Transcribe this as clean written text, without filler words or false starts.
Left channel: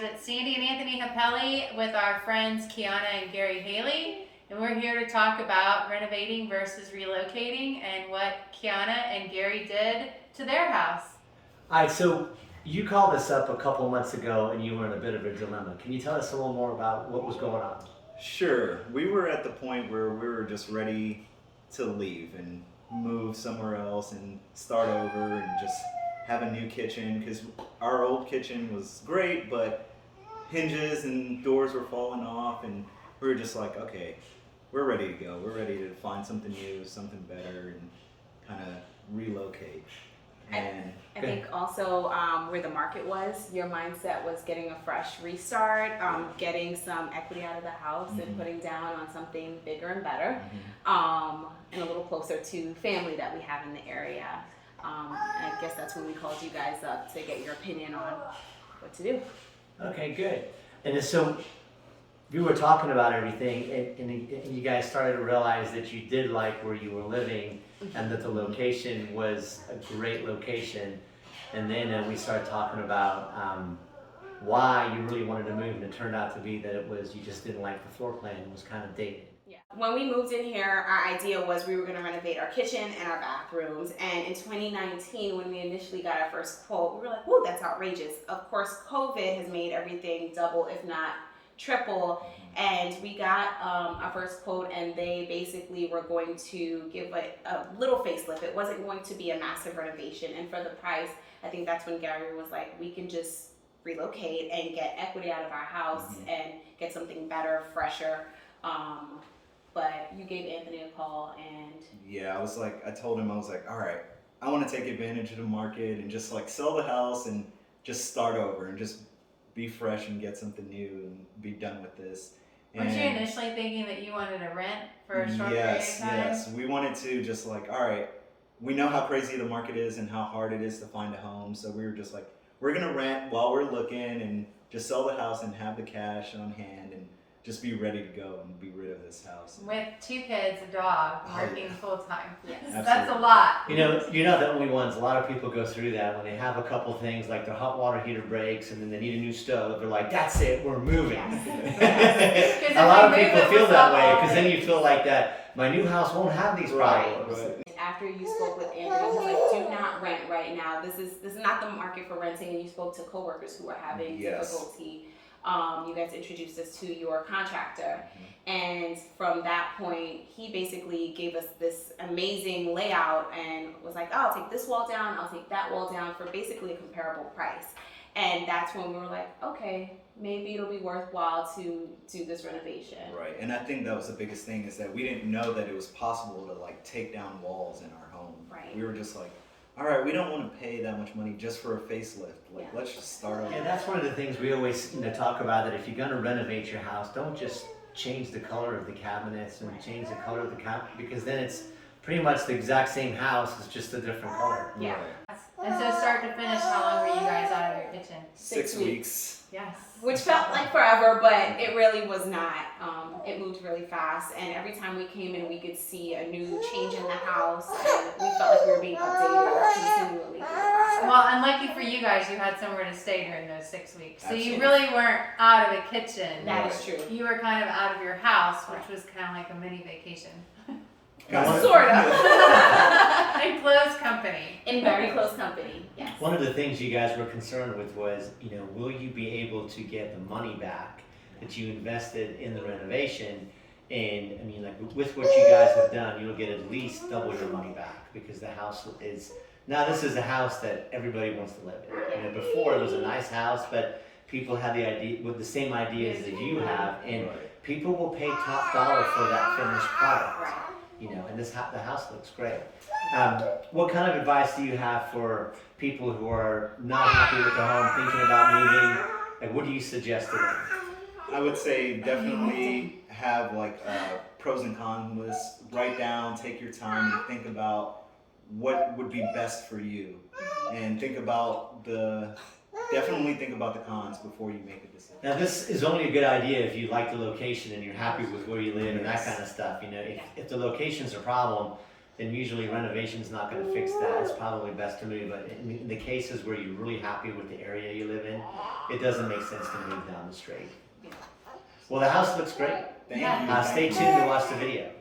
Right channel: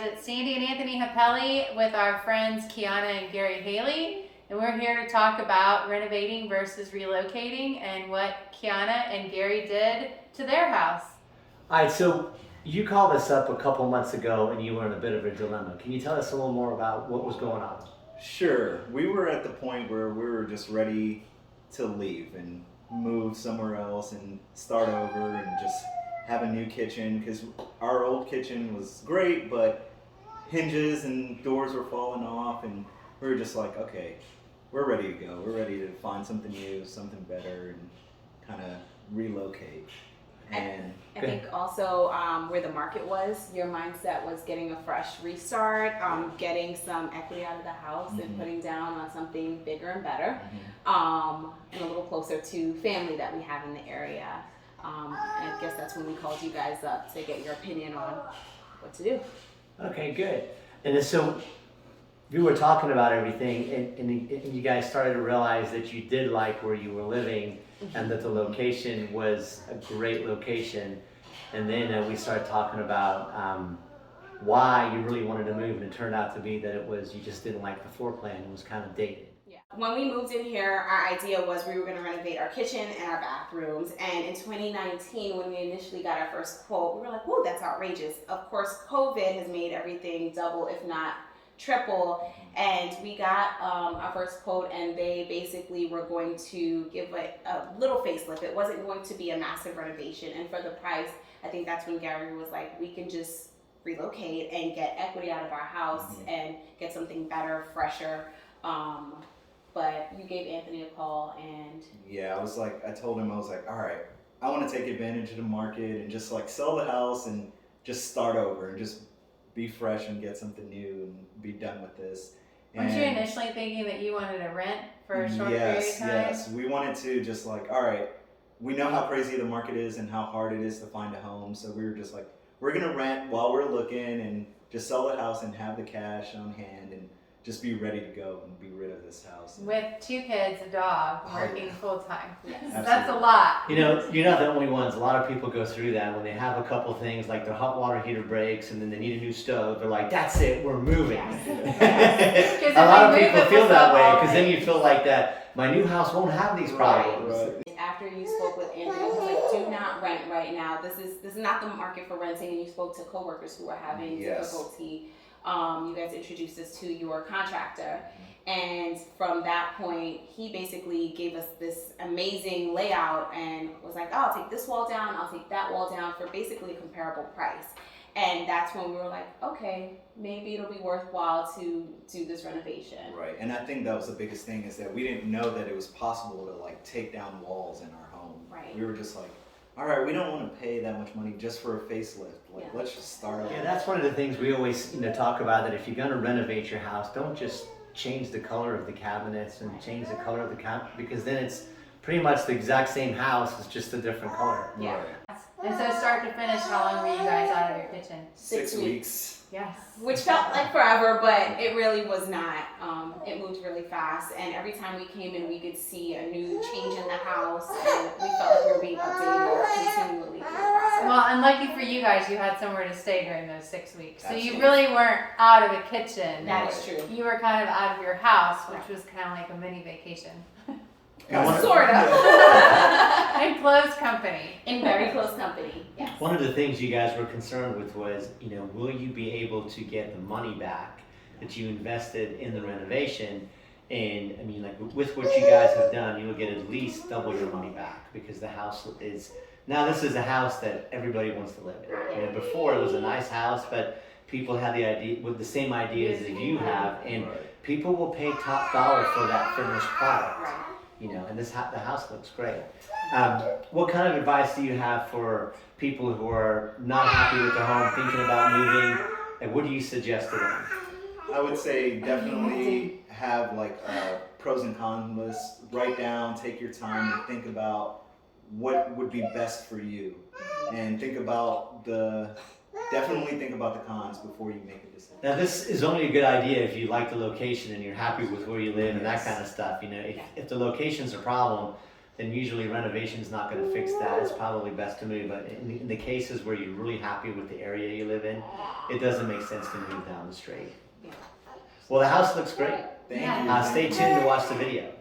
guys, it's Sandy and Anthony Hippeli with our friends Kiana and Gary Haley, and we're here to talk about renovating versus relocating and what Kiana and Gary did to their house. All right, so you called us up a couple months ago and you were in a bit of a dilemma. Can you tell us a little more about what was going on? Sure. We were at the point where we were just ready to leave and move somewhere else and start over and just have a new kitchen, because our old kitchen was great, but hinges and doors were falling off, and we were just like, okay, we're ready to go. We're ready to find something new, something better, and kind of relocate. And I think also where the market was, your mindset was getting a fresh restart, getting some equity out of the house and putting down on something bigger and better, and a little closer to family that we have in the area. And I guess that's when we called you guys up to get your opinion on what to do. Okay, good. And so you were talking about everything, and you guys started to realize that you did like where you were living and that the location was a great location. And then we started talking about why you really wanted to move, and it turned out to be that it was you just didn't like the floor plan. It was kind of dated. Yeah. When we moved in here, our idea was we were going to renovate our kitchen and our bathrooms. And in 2019, when we initially got our first quote, we were like, whoa, that's outrageous. Of course, COVID has made everything double, if not triple. And we got our first quote, and they basically were going to give a little facelift. It wasn't going to be a massive renovation. And for the price, I think that's when Gary was like, we can just relocate and get equity out of our house and get something better, fresher. But you gave Anthony a call, and yeah, I told him, I was like, all right, I want to take advantage of the market and just like sell the house and just start over and just be fresh and get something new and be done with this. Weren't you initially thinking that you wanted to rent for a short period of time? Yes, we wanted to just like, all right, we know how crazy the market is and how hard it is to find a home, so we were just like, we're gonna rent while we're looking and just sell the house and have the cash on hand and just be ready to go and be rid of this house. With 2 kids, a dog, working full time. yes. That's a lot. You know, you're not the only ones. A lot of people go through that when they have a couple things like their hot water heater breaks and then they need a new stove. They're like, that's it, we're moving. A lot of people feel that way because then you feel like that my new house won't have these problems. Right. After you spoke with Anthony, he's like, do not rent right now. This is not the market for renting. And you spoke to coworkers who are having difficulty. You guys introduced us to your contractor, and from that point, he basically gave us this amazing layout and was like, oh, I'll take this wall down, I'll take that wall down for basically a comparable price. And that's when we were like, okay, maybe it'll be worthwhile to do this renovation. Right, and I think that was the biggest thing, is that we didn't know that it was possible to like take down walls in our home. Right. We were just like, all right, we don't want to pay that much money just for a facelift. Like, let's just start over. And that's one of the things we always talk about, that if you're going to renovate your house, don't just change the color of the cabinets and change the color of the because then it's pretty much the exact same house, it's just a different color. Yeah. Right. And so start to finish, how long were you guys out of your kitchen? 6 weeks. Yes. Which felt like forever, but it really was not. It moved really fast, and every time we came in, we could see a new change in the house, and we felt like we were being updated continually through the process. Well, unlucky for you guys, you had somewhere to stay during those 6 weeks. So Absolutely. you really weren't out of the kitchen. That is true. You were kind of out of your house, which was kind of like a mini vacation. Sort of. In close company. In very close company, yes. One of the things you guys were concerned with was, will you be able to get the money back that you invested in the renovation? And I mean, like with what you guys have done, you'll get at least double your money back, because the house is, now this is a house that everybody wants to live in. Before it was a nice house, but people had the idea, with the same ideas that you have, and people will pay top dollar for that finished product. Right. And the house looks great. What kind of advice do you have for people who are not happy with the home, thinking about moving, and what do you suggest to them? I would say definitely have like a pros and cons list. Write down, take your time, and think about what would be best for you, and definitely think about the cons before you make a decision. Now, this is only a good idea if you like the location and you're happy with where you live and that kind of stuff. If the location's a problem, then usually renovation's not gonna fix that. It's probably best to move, but in the cases where you're really happy with the area you live in, it doesn't make sense to move down the street. Yeah. Well, the house looks great. Thank Yeah. you. Stay thank you. tuned to watch the video.